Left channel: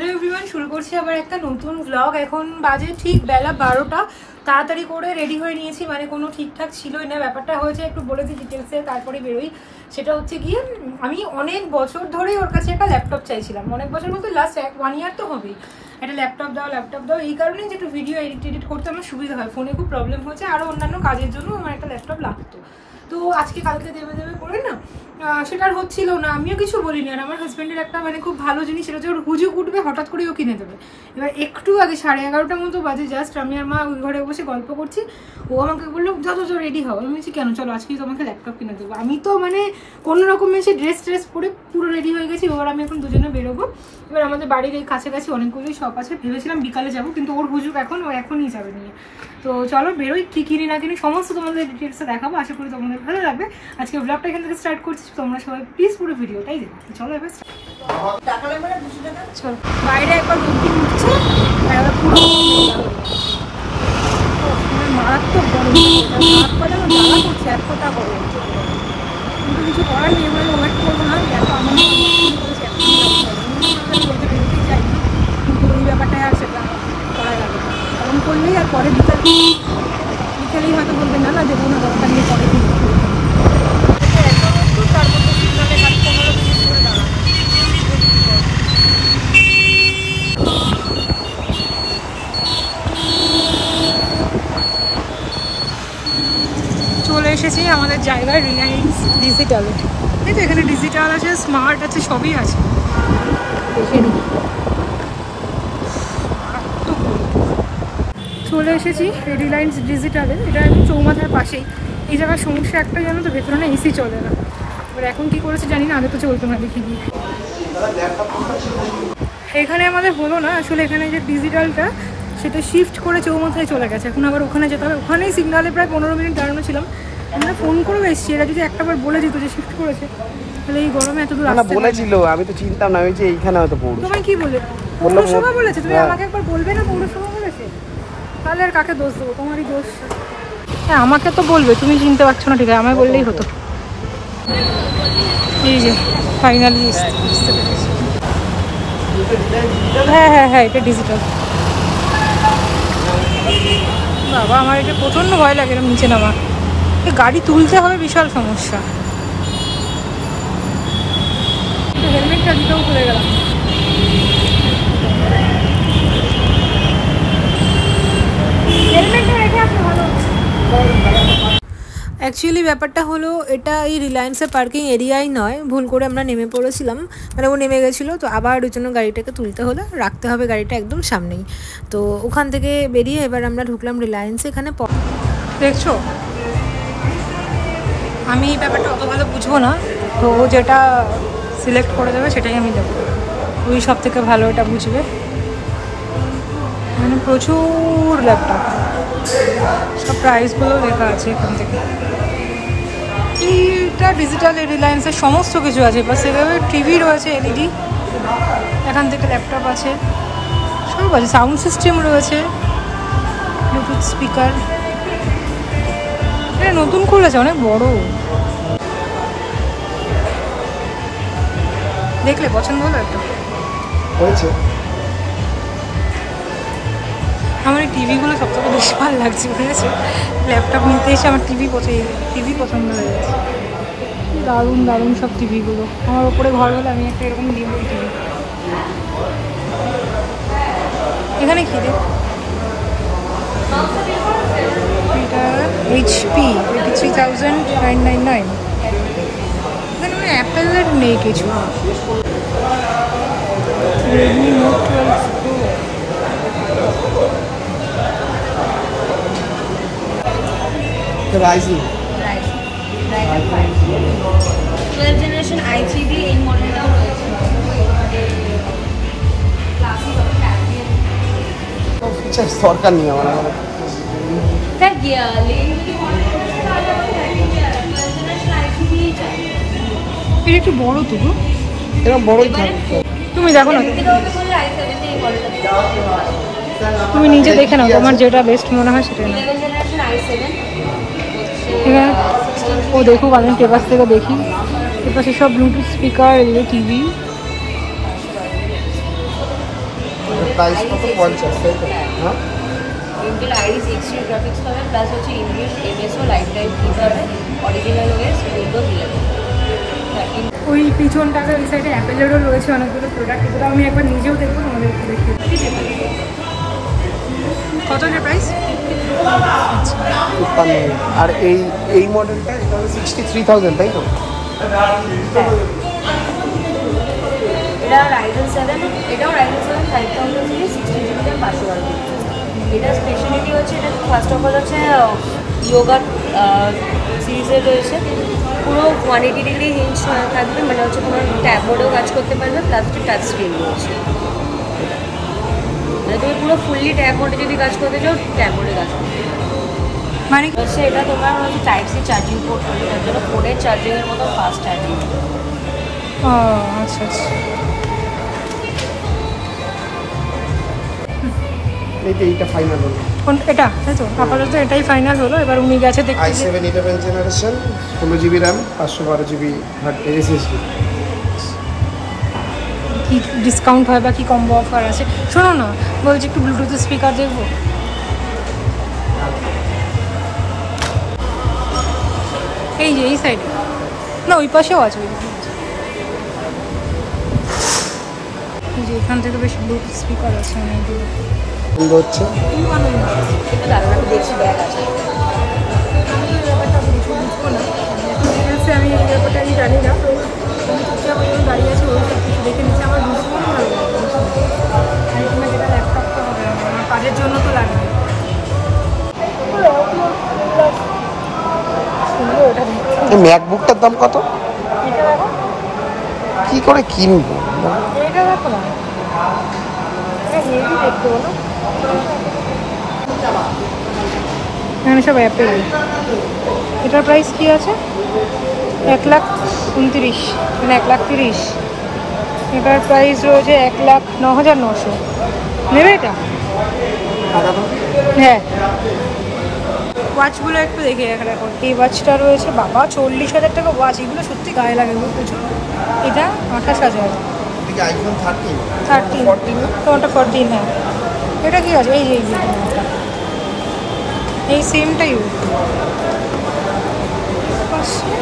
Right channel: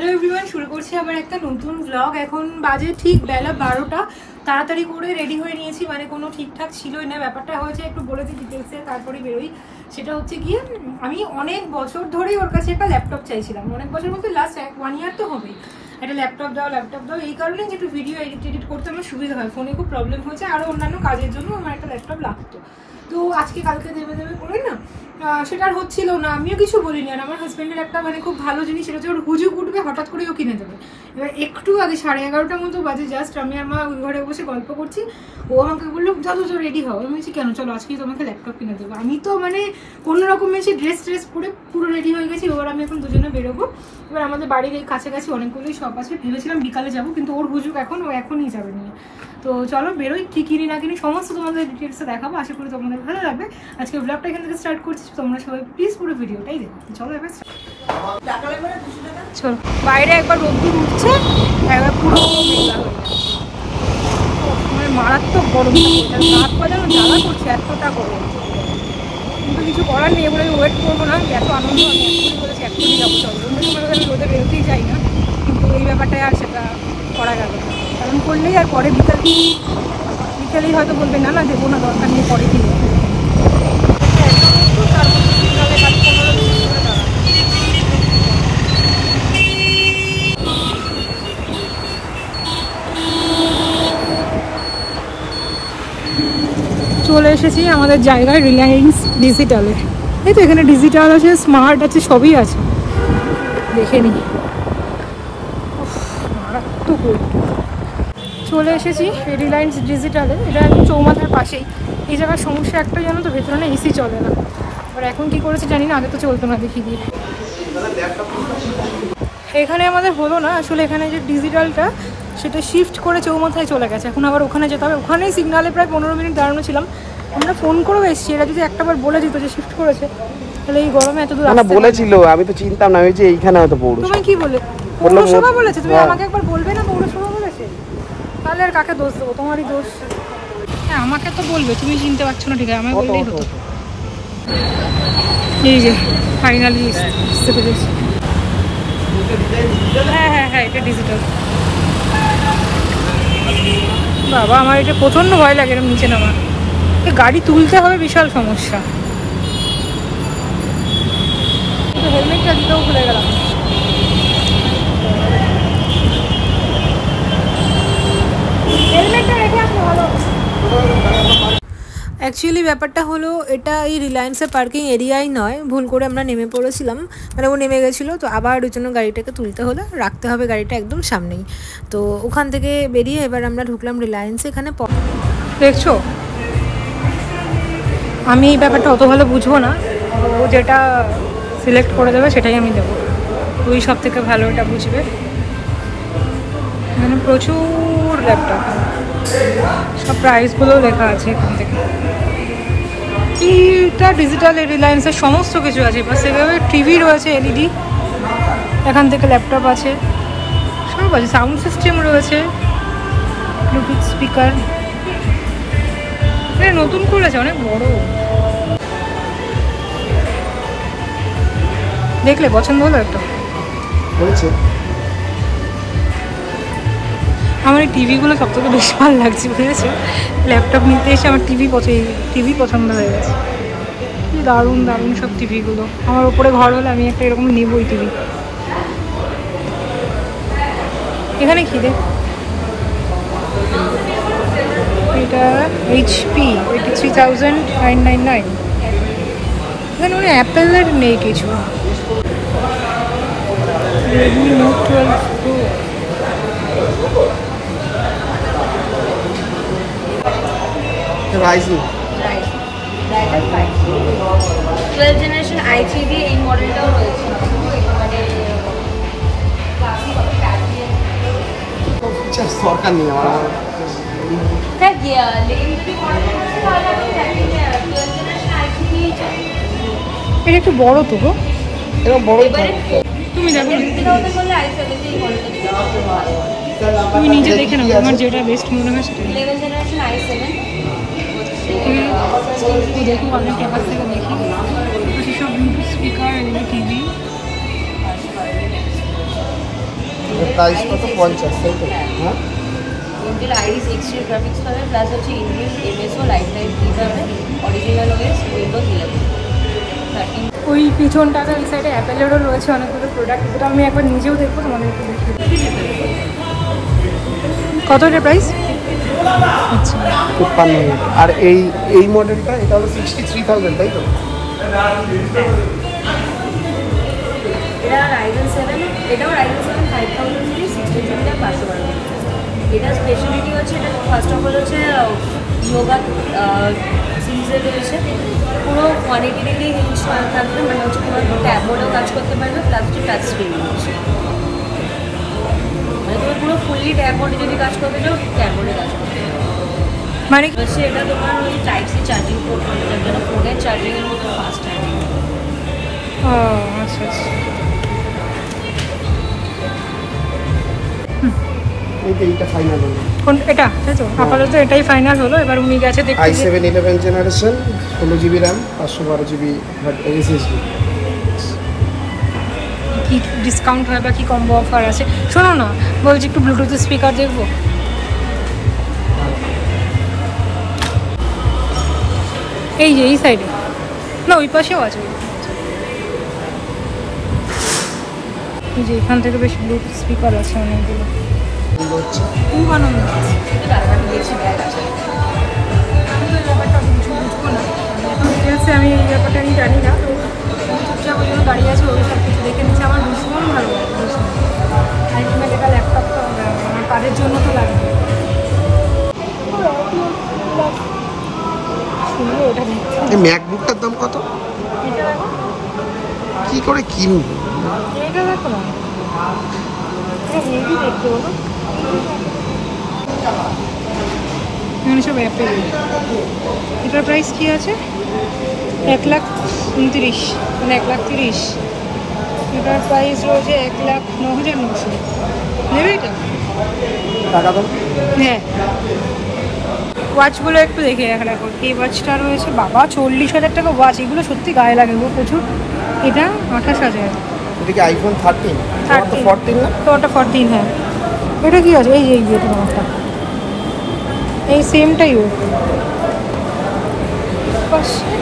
Hello everyone, শুরু করছি আমার একটা নতুন ব্লগ। এখন বাজে ঠিক বেলা 12টা। তাড়াতাড়ি করে রেডি হয়ে নিয়েছি, মানে কোনো ঠিকঠাক ছিলই না। ব্যাপারটা হয়েছে একটু বলে দিই ডিটেলসে, তারপরে বেরোই। সেটা হচ্ছে গিয়ে আমি অনেক বছর ধরেই ওর কাছে একটা ল্যাপটপ চাইছিলাম, অনেক বছর বলতে লাস্ট 1 ইয়ার তো হবেই। একটা ল্যাপটপ দাও এই কারণে যে একটু ভিডিও এডিট করতে আমার সুবিধা হয়, ফোনে খুব প্রবলেম হয়েছে, আরও অন্যান্য কাজের জন্য আমার একটা ল্যাপটপ লাগতো। তো আজকে কালকে দেবে করে না, সেটা আর হচ্ছিল না। আমিও কিছু বলিনি। আর আমার হাজব্যান্ডের একটা মানে খুব ভালো জিনিস, সেটা হচ্ছে ওর হুজুক উঠবে, হঠাৎ করে ও কিনে দেবে। এবার একটু আগে 11:30টার মতো বাজে, জাস্ট আমি আর মা ওই ঘরে বসে গল্প করছি। ও আমাকে বললো যত রেডি হও। আমি বলছি কেন, চলো আজকেই তোমাকে ল্যাপটপ কিনে দেবো। আমি তো মানে কোনো রকম এসে ড্রেস পরে পুরো রেডি হয়ে গেছি। এবার আমি এখন দুজনে বেরোবো। এবার আমাদের বাড়ির এই কাছাকাছি অনেকগুলোই শপ আছে, ভেবেছিলাম বিকালে যাবো, কিন্তু ওর হুজুক ও এখনই যাবে নিয়ে। তো চলো বেরোই, কি কিনি না কিনি সমস্ত তোমাদের ডিটেলসে দেখাবো। আশা করি তোমাদের ভালো লাগবে। আজকে ব্লগটা এখান থেকে স্টার্ট করছি, তোমরা সবাই প্লিজ পুরো ভিডিওটাই দেখো। চলো এবার চলো। বাইরে একবার রোদ্দুর উঠছে, একবার পুরো মারাত্মক গরম, হাত পা যেন জ্বালা করছে, এতটা গরম। কিন্তু কিছু করার নেই, এবার ওয়েট করবো না। এত আনন্দ আমি এখনই করেছি, এখনই যাবো। চলো, অন্য সময় আমি রোদে বেরোতেই যাই না, কিন্তু এই ব্যাপারটায় আর সেটা করা গেল না। কারণ করলেই আর পরে বিকেলেই হয়তো বলবে না দেবো না, দরকার নেই, পরে কিনবো। তার মধ্যে সিগনালে খালি 15 মিনিট করে দাঁড়ানো। চলে এসেছি আমাদের জায়গায়, রিলায়েন্স ডিজিটালে। এই তো এখানে ডিজিটাল আছে, স্মার্ট আছে, সবই আছে। দেখে নিই, মারাত্মক রোদ্দুর। চলে এসেছি রিলায়েন্স ডিজিটালে, এটা একদম চৌমাথার পাশেই। এই জায়গার সমস্যা একটা জানো তো, ভেতরে না এসি চলে না। এবার এখন কি করেছে জানি না, আগে তো চলতো না, দেখি দিয়ে। এখানে আমাদের হলো না আসলে, এখানে যে ডিজিটালটা সেটা শিফট করে চৌমাথায় চলে গেছে। এখন আবার ওখানে যেতে হবে। ওখানেই সিগনালে প্রায় 15 মিনিট দাঁড়ানো ছিলাম। আমরা ফোন করেও এসেছি, এরা যদি একটাবার বলে দিত যে শিফট করেছে, তাহলে এই গরমে এত দূর আসতে বলেছিল। আমি তো চিন্তাম না, আমি যে এইখানে হয়তো পৌরসভা। তোমায় কি বলে পৌরসভা বলেছে? তুমি আমাকে একবার বলবে না পৌরসভা বলেছে? তাহলে আর কাকে দোষ দেবো? তোমারই দোষ। হ্যাঁ, আমাকে তো বলবে, তুমি চিনতে পারছো না, ঠিক আছে, আমায় বললেই হতো। এই যে ফাইনালি আসতে পেরেছি। হ্যাঁ, এটা ডিজিটাল। বাবা, আমার এটা প্রচণ্ড ভয় লাগে এরকম নিচে নামা। গাড়ি তুলতে হবে, বিশাল সমস্যা। কিন্তু হেলমেটটা দিতেও ভুলে গেলাম। হেলমেটটা রেখে আসলে ভালো। অ্যাকচুয়ালি ব্যাপারটা হলো, এটা এই রিলায়েন্সের পার্কিং এরিয়াই নয়, ভুল করে আমরা নেমে পড়েছিলাম। মানে ও নেমে গেছিলো, তো আবার ওই জন্য গাড়িটাকে তুলতে হলো, রাখতে হবে গাড়িটা একদম সামনেই। তো ওখান থেকে বেরিয়ে এবার আমরা ঢুকলাম রিলায়েন্সে। এখানে দেখছো, আমি এই ব্যাপারটা অত ভালো বুঝবো না, তো ও যেটা সিলেক্ট করে দেবে সেটাই আমি দেবো। ওই সব থেকে ভালো এটা বুঝবে। মানে প্রচুর ল্যাপটপ, সব প্রাইসগুলো লেখা আছে এখান থেকে। এইটা ডিজিটাল রিলায়েন্সের সমস্ত কিছু আছে। এবার সেভাবে টিভি রয়েছে, এলইডি, এখান থেকে ল্যাপটপ আছে, সব আছে। সাউন্ড সিস্টেম রয়েছে, ব্লুটুথ স্পিকার। এটা নতুন খুলেছে, অনেক বড়। দেখলে পছন্দ হলো একটু? আমার এই টিভিগুলো সবথেকে বেশি ভালো লাগছে, বুঝেছো? ল্যাপটপ নিতে এসে আমার টিভি পছন্দ হয়ে গেছে। কি দারুণ দারুণ সব টিভিগুলো। আমার ওপরে ঘর হলে আমি একটা এরকম নেবই টিভি। এখানে কি দেখ, এটা HP 83,999। এখানে মানে অ্যাপেলের নেই কিছু। Redmi note 12 pro. Rising 12 generation i3 দিয়ে এই মডেলটাও রয়েছে। সরকার নিয়ে আমার এটা একটু বড় তো গো, তুমি দেখো না, তুমি নিজে দেখে নাও, তোমার যেটা বেস্ট মনে হয় সেটা। ঠিক আছে, ও দেখুক, আমি পেপার থেকে দেখি। পেপার সব ব্লুটুথ স্পিকার, এগুলো টিভি। প্রাইস কত 50 তাই তো? হ্যাঁ ইন্টেল আইরিস এক্সট্রা গ্রাফিক্স হবে প্লাস হচ্ছে ইনবিল্ট এমএসও লাইফ টাইম কি পাবে অরিজিনাল ওএস উইন্ডোজ 11 ওই পিছনটাতে ওই সাইডে অ্যাপেলেরও রয়েছে অনেকগুলো প্রোডাক্ট, এগুলো আমি একবার নিজেও দেখবো, তোমাদের একটু দেখি। কত এটা প্রাইস? আচ্ছা 53। আর এই মডেলটা এটা হলো 63000 তাই তো? এটা রাইজেন 7, এটাও রাইজেন 7 5000 সিরিজ 60 জিবি RAM 512 এটা স্পেশালিটি হচ্ছে এটা ফার্স্ট অফ অল হচ্ছে ইয়োগা সিরিজে রয়েছে, পুরো 180 ডিগ্রি হিঞ্জ থাকবে, মানে হচ্ছে তোমার ট্যাব মোডেও কাজ করতে পারবে প্লাস হচ্ছে টাচ স্ক্রিন রয়েছে, মানে তুমি পুরো ফুললি ট্যাব মোডে যদি কাজ করতে চাও ট্যাব মোডে কাজ করতে মানে হচ্ছে এটা তোমার হচ্ছে টাইপ সি চার্জিং পোর্ট, যেটা ফোনের চার্জিংয়ের মতো ফাস্ট চার্জিং। ও আচ্ছা আচ্ছা, এইটা ফাইনাল হলো। কোন এটা? তাই তো আপাতত এটাই ফাইনাল হলো। এবার উনি গেছে দেখতে যে i7 11 generation 16 GB RAM 512 GB SSD। কি ডিসকাউন্ট হয় বা কি কম্বো অফার আছে শোনো না, বলছি একটু ব্লুটুথ স্পিকার দেখবো। এই যে এই সাইডে না, ওই পাশেও আছে, এই যে এখান থেকে বেশ ব্লুটুথ স্পিকার আছে অনেকগুলো। হচ্ছে খুব আনন্দ, আমি তো ব্যাপারটা কিছু বুঝবো না, এত ডিটেলসে আমি এই ব্যাপারটা আমি জানি না, তো আমি চুপচাপ ওই জন্য দাঁড়িয়ে আছে, ওই সব কিছু দেখে নিচ্ছে। আমার ভীষণ ভালো লাগে, আলটিমেট এটা ল্যাপটপটা হবে আমার কাজের জন্য তো লাগবে। এই ম্যাকবুকটার দাম কত? কি করে কিনবো? এটা দেখো না, এটা হেভি দেখতে বলো, এখানে সব অ্যাপেল। এটার প্রাইস কি আছে? 1,29,000, মানে 1,30,000। এটার প্রাইস রয়েছে 1,09,900। নেবে এটা? টাকা তো হ্যাঁ, ওয়াচগুলো একটু দেখে রাখো। এই ওয়াচটা রয়েছে বাবা 40,000 টাকা ওয়াচ, এগুলো সত্যি গায়ে লাগে গো প্রচুর। এটা 28,000। এদিকে আইফোন 13 তোমারটা 14। হ্যাঁ, এটা কি আছে? এই যে তোমারটা এই সেমটাই ওর পাশে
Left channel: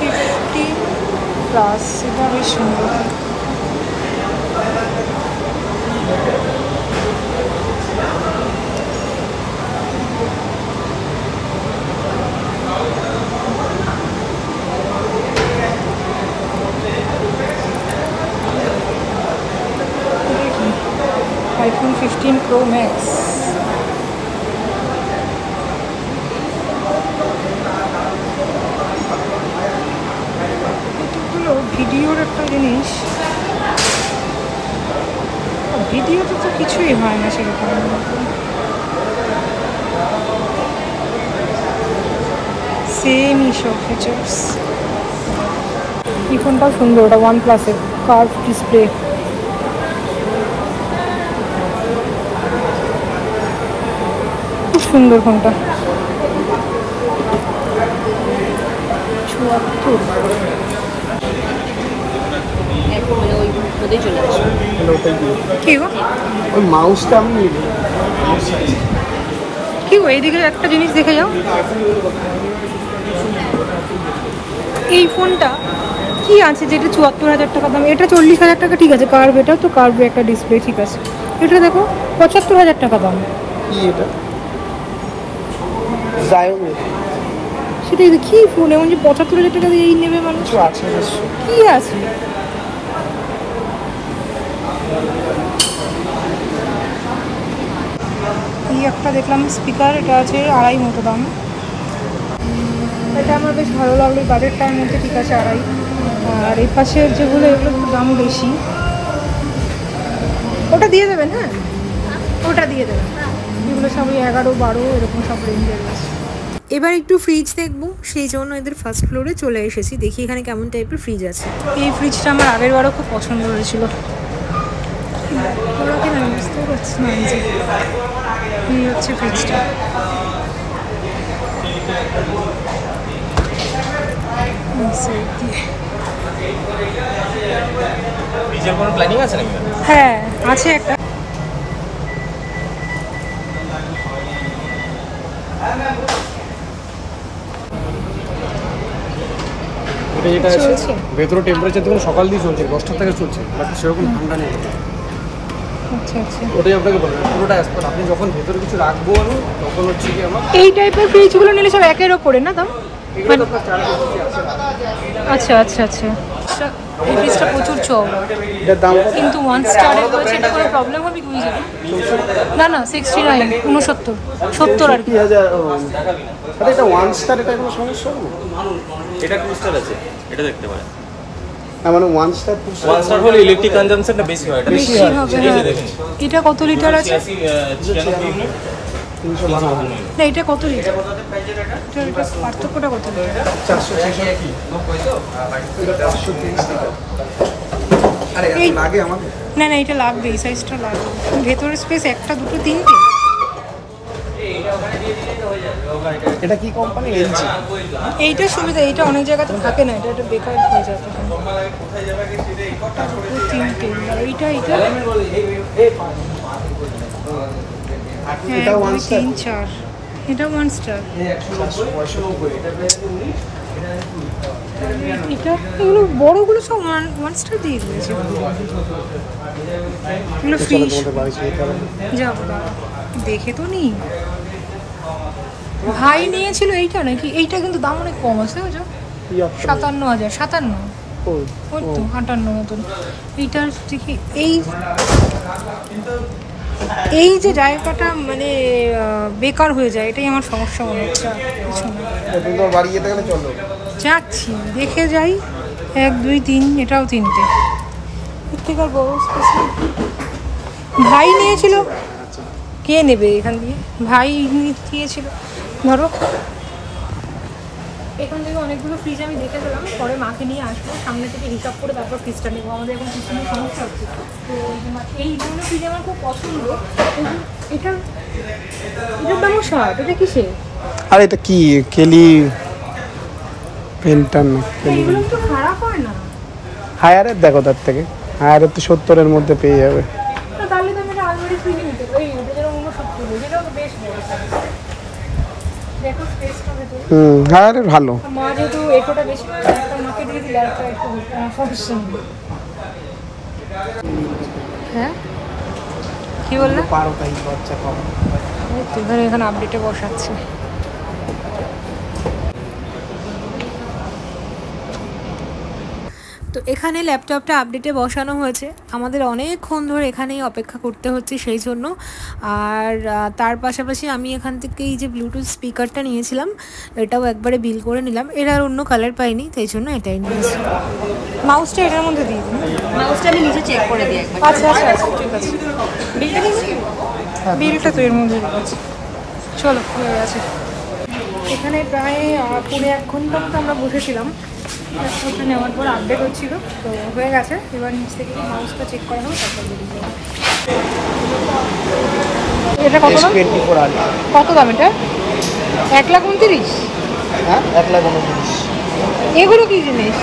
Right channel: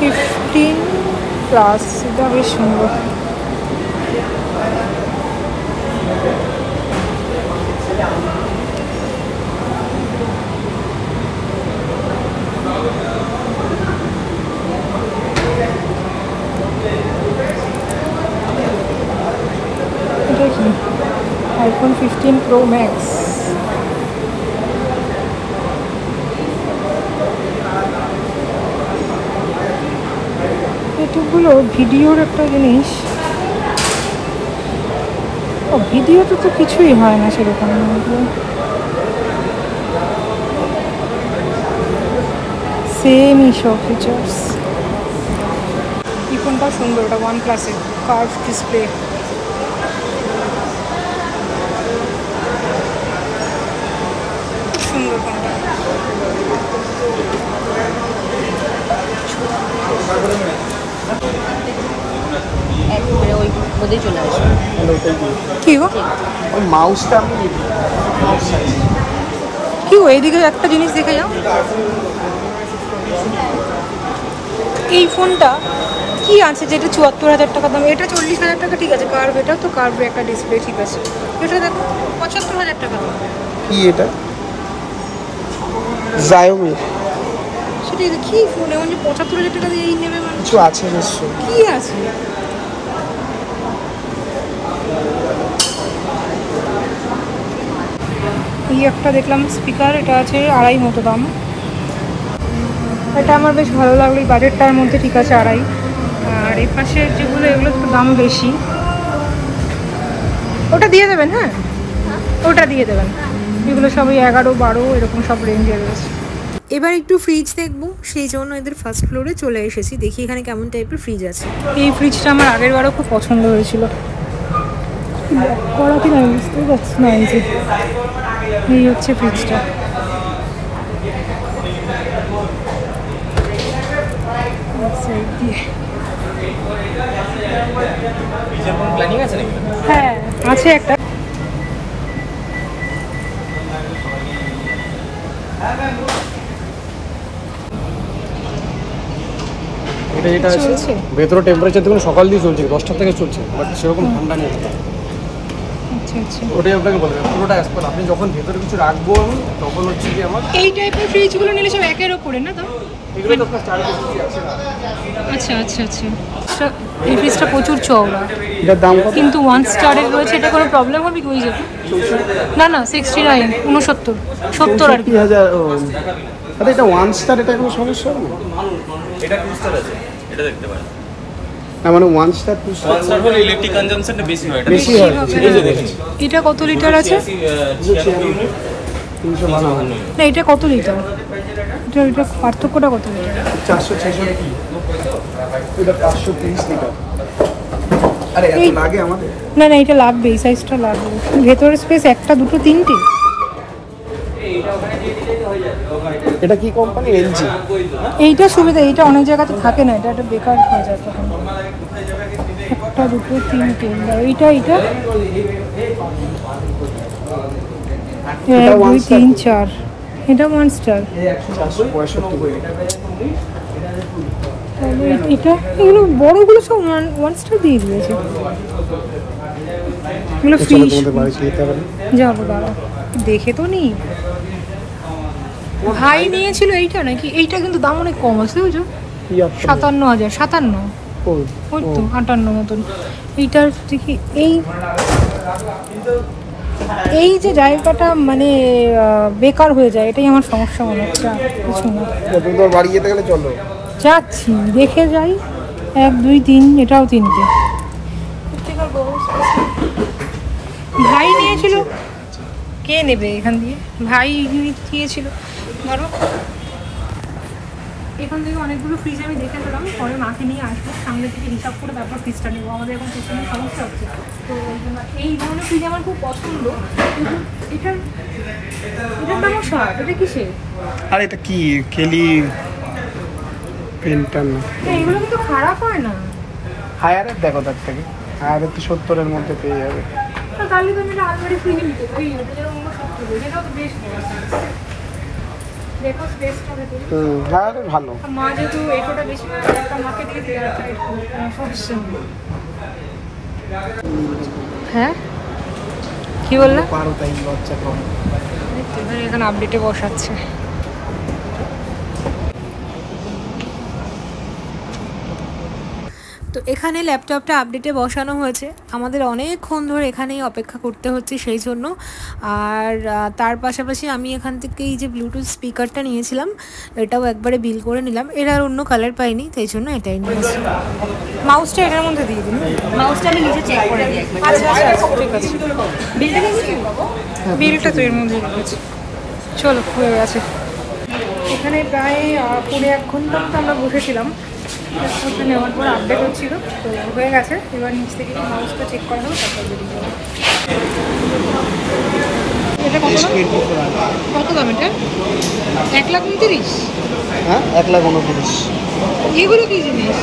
15+, এটা বেশ সুন্দর। এটা কি? IPhone 15 Pro Max। এটুকুলো ভিডিওর একটা জিনিস, ও ভিডিওতে তো কিছুই হয় না সেরকম। সেমই সব ফিচার্স। এই ফোনটাও সুন্দর, ওটা OnePlus-এর কার্ভ ডিসপ্লে। খুব সুন্দর ফোনটা। কি গো? ওই মাউসটা আমি নিব। কি গো, এইদিকে একটা জিনিস দেখে যাও। এই ফোনটা কি আছে যেটা 74,000 টাকা দাম? এটা 40,000 টাকা, ঠিক আছে। কার্ভ, এটা তো কার্ভের একটা ডিসপ্লে, ঠিক আছে। এটা দেখো 75,000 টাকা দাম। কি এটা? Xiaomi সেটা কি ফোন এমন যে 75,000 টাকা দিয়ে এই নেবে মানুষ? কিছু আছে নিশ্চয়। কি আছে? এই একটা দেখলাম স্পিকার, এটা আছে 2.5 মতো দাম। এটা আমার বেশ ভালো লাগলো, এই বাজেটটার মধ্যে ঠিক আছে 2.5। আর এই পাশে যেগুলো এগুলো একটু দাম বেশি। ওটা দিয়ে দেবেন? হ্যাঁ, ওটা দিয়ে দেবেন। এগুলো সবই 11, 12 এরকম সব রেঞ্জে রয়েছে। এবার একটু ফ্রিজ দেখবো, সেই জন্য এদের ফার্স্ট ফ্লোরে চলে এসেছি। দেখি এখানে কেমন টাইপের ফ্রিজ আছে। এই ফ্রিজটা আমার আগের বারও খুব পছন্দ হয়েছিল। করা কিনা আমি বুঝতেও পারছি না। এই যে এই হচ্ছে ফ্রিজটা। সাইড দিয়ে ফ্রিজের কোনো প্ল্যানিং আছে নাকি? হ্যাঁ আছে একটা। চলছে ভেতরে টেম্পারেচার দেখুন সকাল দিয়ে চলছে, 10টা থেকে চলছে, বাট সেরকম ঠান্ডা নেই। আচ্ছা আচ্ছা, ওটাই আপনাকে বলবো পুরোটা অ্যাসপার। আপনি যখন ভেতরে কিছু রাখবো আমি তখন হচ্ছে কি আমার এই টাইপের ফ্রিজগুলো নিলে সব একের ওপরে না দাম? এগুলো তো আপনার 450 আছে। আচ্ছা আচ্ছা আচ্ছা, এই ফ্রিজটা প্রচুর চওড়া, এটার দাম কত? কিন্তু 1 স্টারের রয়েছে। এটা কোনো প্রবলেম হবে কি? ওই যে না না 69 69 70 আর কি। 3000 এটা 1 স্টার, এটা কোনো সমস্যা হবে না? এটা 2 স্টার আছে, এটা দেখতে পারেন। মানে 1 স্টার 2 স্টার 1 স্টার হলে ইলেকট্রিক কনজাম্পশনটা বেশি হয়, এটা বেশি হবে, এই যে হ্যাঁ। দেখেন এটা কত লিটার আছে? 96 ইউনিট 352 না এটা কত লিটার? এটা পার্থক্যটা কত লিটার? 400 600 কি এটা 530 লিটার। আরে এত এই- লাগে আমাদের? না না এটা লাগবে, এই সাইজটা লাগবে। ভেতরের স্পেস একটা দুটো তিনটে। এটা কি কোম্পানি? এলজি। এইটা সুবিধা, এইটা অনেক জায়গাতে থাকে না, এটা একটা বেকার হয়ে যায় তখন। একটা দুটো তিনটে, এইটা এইটা 1 এটা 2 1 স্টার। 3 4, এটা 1 স্টার। 465 করে। তাহলে এটা এগুলো বড়গুলো সব 1 স্টার দিয়ে দিয়েছে। এগুলো ফ্রিজ যাবো, দাঁড়াও দেখে তো নিই। ভাই নিয়েছিল এইটা নাকি? এইটা কিন্তু দাম অনেক কম আছে, বুঝছো? 57,000 57, ওই তো 58 মতন। এইটার দেখি এই যে জায়গাটা মানে বেকার হয়ে যায়, এটাই আমার সমস্যা মনে হচ্ছে, আর কিছু না। বাড়ি যেতে গেলে চলো, যাচ্ছি দেখে যাই। 1 2 3, এটাও 3টে। প্রত্যেকটা বড় স্পেস। ভাই নিয়েছিল, কে নেবে এখান থেকে? ভাই দিয়েছিল। ধরো এখান থেকে অনেকগুলো ফ্রিজ আমি দেখে গেলাম, পরে মাকে নিয়ে আসবো, সামনে থেকে হিসাব করে তারপর ফ্রিজটা নেবো। আমাদের এখন কিছু সমস্যা হচ্ছে, তো এই ধরনের ফ্রিজ আমার খুব পছন্দ, কিন্তু এটার দামও ষাট। এটা কিসে? আর এটা কি কেলি পেন্টান? এইগুলো কিন্তু খারাপ হয় না। হায়ারের দেখো, তার থেকে হায়ারের তো 70-এর মধ্যে পেয়ে যাবে। তো তাহলে তো আমি আলমারি ফ্রিজে নিতে পারি। ওটা যেটা 69, যেটাও তো বেশ বড় size। দেখো স্পেসটা ভেতরে। হায়ারের ভালো। মা যেহেতু এটোটা বেশি একটা মাকে দিয়ে দিলে একটা সমস্যা নেই। হ্যাঁ কি বললে? পারো তাই বাচ্চা খাবে। এখানে এখানে আপডেটে বসাচ্ছে। তো এখানে ল্যাপটপটা আপডেটে বসানো হয়েছে, আমাদের অনেকক্ষণ ধরে এখানেই অপেক্ষা করতে হচ্ছে সেই জন্য। আর তার পাশাপাশি আমি এখান থেকে এই যে ব্লুটুথ স্পিকারটা নিয়েছিলাম, এটাও একবারে বিল করে নিলাম। এর আর অন্য কালার পাইনি, তাই জন্য এটাই নিয়েছি। মাউসটা এটার মধ্যে দিয়ে দিন। মাউসটা আমি নিচে চেক করে দিই একবার। আচ্ছা আচ্ছা আচ্ছা, ঠিক আছে। বিলটা তো এর মধ্যে দিয়েছি। চলো হয়ে গেছে। এখানে প্রায় 1.5 ঘন্টা মতো আমরা বসেছিলাম। ল্যাপটপটা নেওয়ার পর আপডেট হচ্ছিল, তো হয়ে গেছে। এবার নিচ থেকে মাউসটা চেক করা হবে, তারপর বেরিয়ে যাবো। এটা কত দাম? কত দাম এটা? 1,29,000। হ্যাঁ 1,29,000। এগুলো কি জিনিস?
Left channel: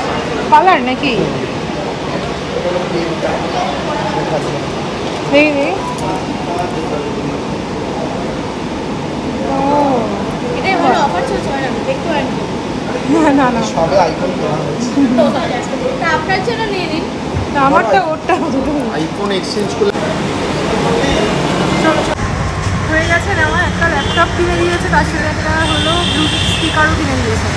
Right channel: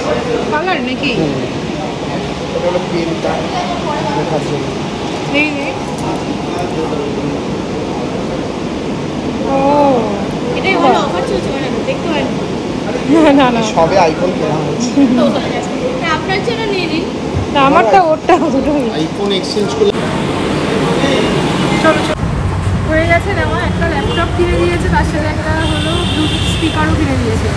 কালার নাকি? দেখি। ও এটাই বড় অফার চলছে ম্যাডাম, দেখতে পারেন। না না সবে আইফোন কেনা হয়েছে। তা আপনার জন্য নিয়ে নিন। না, আমারটা ওরটা দুটোই। আইফোন এক্সচেঞ্জ করলে চলো চলো, হয়ে গেছে। আমার একটা ল্যাপটপ কিনে দিয়েছে, তার সাথে একটা হলো ব্লুটুথ স্পিকারও কিনে দিয়েছে।